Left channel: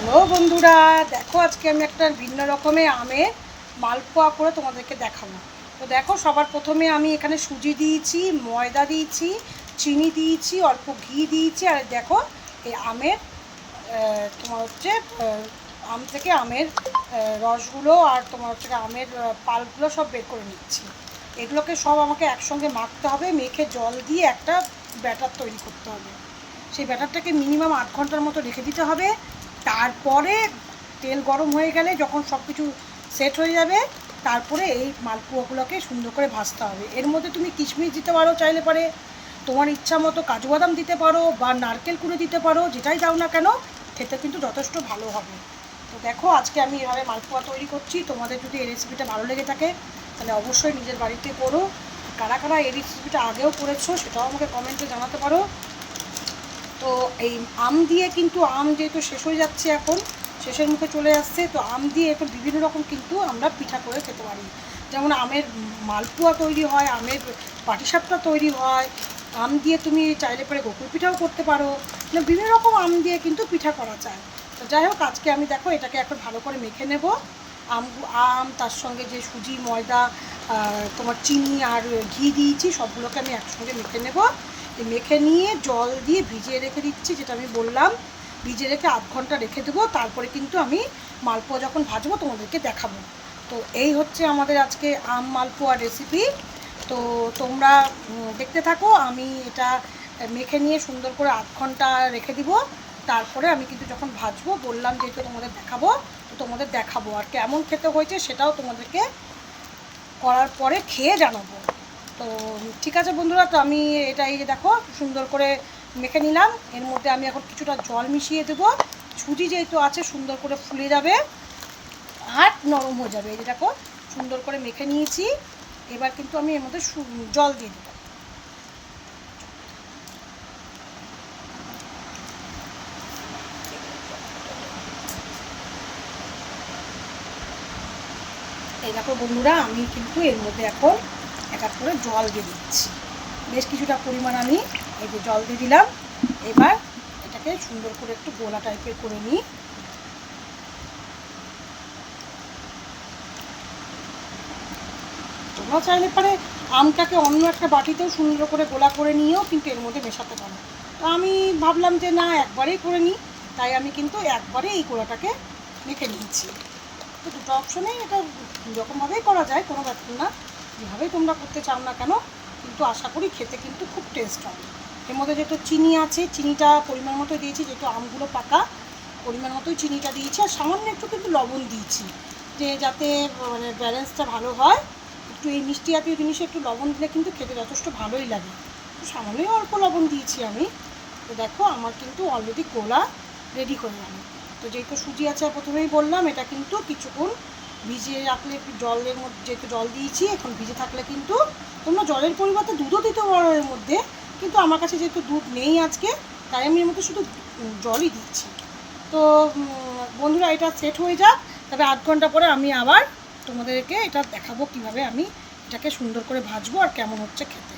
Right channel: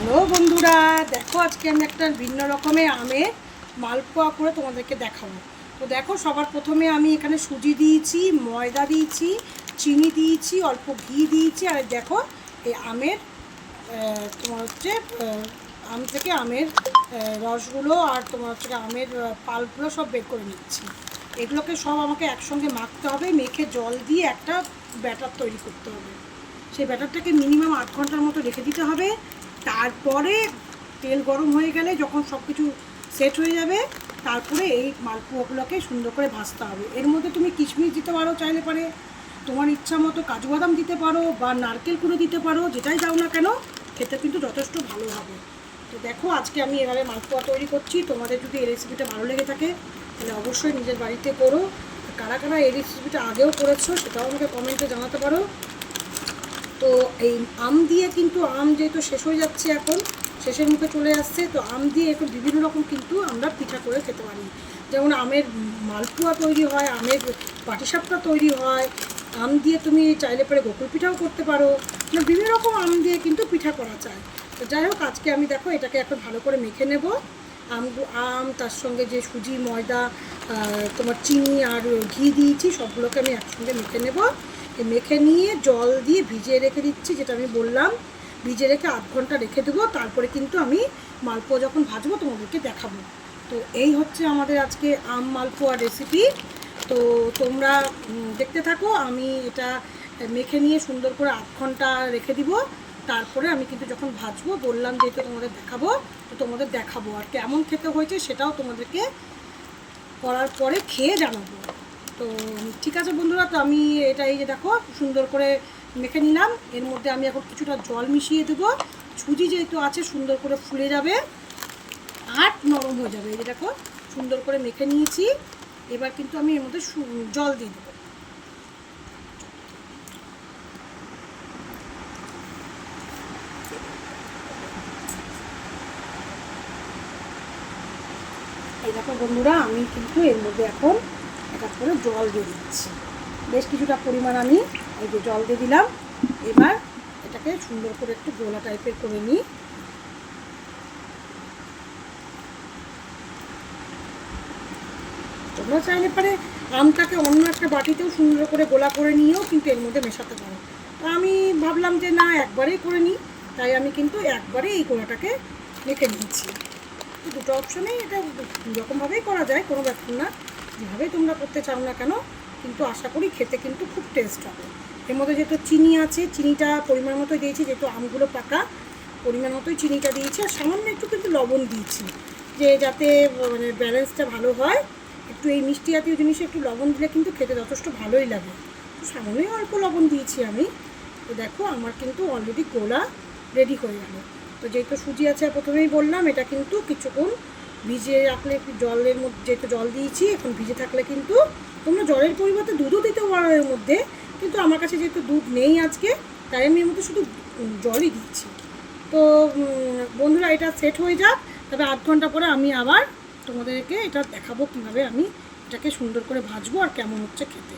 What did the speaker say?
Hello বন্ধুরা, দেখো আজকে আমি একটা ভিন্ন রকমের আমের মালপোয়া করে তোমাদেরকে দেখাবো। তো দেখো, সবার প্রথমে আমি এখানে সুজি দিয়েছি, ময়দা দিয়েছি, চিনি দিয়েছি, অল্প ঘি দিয়েছি। আর দেখো এই আমের তোমার হচ্ছে আম থেকে আমের রসগুলো আর তোমার হচ্ছে আমের পাল্পগুলো সব বের করে নিচ্ছি। এগুলোকে সব আমাকে একসঙ্গে মাখতে হবে, মেখে জল দিয়ে একটা ব্যাটার তৈরি করতে হবে। সেই ব্যাটারটাকে মিনিমাম 8 ঘন্টার মতো রেখে দিতে হবে। তারপরে তেল গরম হয়ে গেলে যখন সব কিছু সেট হয়ে যাবে, তারপরে এই মালপোয়াগুলোকে সুন্দর করে ভাজতে হবে। এর মধ্যে তুমি কিশমিশ দিতে পারো, চাইলে পারে তোমার ইচ্ছা মতো কাজু বাদাম দিতে পারো বা নারকেল কুড়ে দিতে পারো, যেটাই দাও না কেন খেতে কিন্তু যথেষ্ট ভালো হবে। তো দেখো, আজকে আমি এভাবে মালপোয়া তৈরি করছি। তোমাদের যদি এই রেসিপিটা ভালো লেগে থাকে তাহলে অবশ্যই নিজের বাড়িতে করো। কারা কারা এই রেসিপিটা আগেও করেছো সেটাও আমাকে কমেন্টে জানাতে পারো। তো এই আম দিয়ে কিন্তু যেহেতু শেষ হয়ে যাচ্ছে, এখন শেষের মুখে চলে আসছে, তো আম দিয়ে এখন বিভিন্ন রকম কিন্তু আমরা পিঠা করে খেতে পারি। যেমন আমের মালপোয়া তৈরি হয়, আমের পাটিসাপটা তৈরি হয়, আম দিয়ে তুমি চাইলে পরে গোকুল পিঠাও করতে পারো। মানে বিভিন্ন রকম আম দিয়ে কিন্তু পিঠা করা যায়। তো যাই হোক, আজকে আমি দেখো এটাকে এখন ভালো করে মেখে নেব। আম তার সঙ্গে যে সুজি, ময়দা, তোমার চিনি আর ঘি দিয়েছি, সবগুলোকে আমি একসঙ্গে মেখে নেব। মেখে নিয়ে জল দিয়ে ভিজিয়ে রেখে দিচ্ছি, যেটা আমি বললাম। ভিজিয়ে রেখে 8 ঘন্টা রেখে দেবো। তারপরে কিন্তু আমি মালপোয়া যখন ভাজবো তোমাদেরকে দেখাবো। তো এই হচ্ছে আমাদের আজকে আম মালপোয়া রেসিপি। তো তোমরা দেখতে থাকো। আমি এটা মেখে নিয়ে সুন্দর করে 8 ঘন্টা রেখে দিব। তারপরে আমি কিন্তু যখন ভাজবো, বললাম যেহেতু তোমাদের দেখাবো, তো তোমাদের দেখাবো আর কেমন খেতে হয়েছে সেটাও তোমাদেরকে করার পরে খেয়ে জানাবো। তো ঠিক আছে বন্ধুরা, তো আমি এই যে দেখো সুন্দর করে মেখে নিলাম। এর মধ্যে আমি এখন কিছুটা জল মিশিয়ে দেবো। সুজি যেহেতু আছে সুন্দর করে ফুলে যাবে আর নরম হয়ে যাবে। এই যে দেখো সুন্দর করে মেখে নিয়েছি। এবার কিন্তু আমি এর মধ্যে জল দিয়ে দেবো। এই দেখো বন্ধুরা, আমি কিন্তু এর মধ্যে এখন এক এক করে জল দিয়ে দিচ্ছি। বেশ কিছুটা পরিমাণ আমি এই যে জল দিয়ে দিলাম। এবার এটাকে সুন্দর করে একটু গোলা টাইপের করে নিই। তোমরা চাইলে পারে আমটাকে অন্য একটা বাটিতেও সুন্দর করে গোলা করে নিয়েও কিন্তু এর মধ্যে মেশাতে পারো। তো আমি ভাবলাম যে না, একবারেই করে নিই, তাই আমি কিন্তু একবারে এই গোলাটাকে মেখে নিয়েছি। তো দুটো অপশনেই এটা রকমভাবেই করা যায়, কোনো ব্যাপার না। যেভাবেই তোমরা করতে চাও না কেন, কিন্তু আশা করি খেতে কিন্তু খুব টেস্ট হবে। এর মধ্যে যেহেতু চিনি আছে, চিনিটা পরিমাণ মতোই দিয়েছি, যেহেতু আমগুলো পাকা পরিমাণ মতোই চিনিটা দিয়েছি। আর সামান্য একটু কিন্তু লবণ দিয়েছি, যে যাতে মানে ব্যালেন্সটা ভালো হয়। একটু এই মিষ্টি জাতীয় জিনিসে একটু লবণ দিলে কিন্তু খেতে যথেষ্ট ভালোই লাগে। তো সামান্যই অল্প লবণ দিয়েছি আমি। তো দেখো আমার কিন্তু অলরেডি গোলা রেডি হয়ে গেল। তো যেহেতু সুজি আছে, প্রথমেই বললাম এটা কিন্তু কিছুক্ষণ ভিজিয়ে রাখলে, জলের মধ্যে যেহেতু জল দিয়েছি, এখন ভিজে থাকলে কিন্তু তোমরা জলের পরিবর্তে দুধও দিতে পারো এর মধ্যে। কিন্তু আমার কাছে যেহেতু দুধ নেই আজকে, তাই আমি এর মধ্যে শুধু জলই দিচ্ছি। তো বন্ধুরা, এটা সেট হয়ে যাক। তবে 8 ঘন্টা পরে আমি আবার তোমাদেরকে এটা দেখাবো কীভাবে আমি এটাকে সুন্দর করে ভাজবো আর কেমন হচ্ছে খেতে।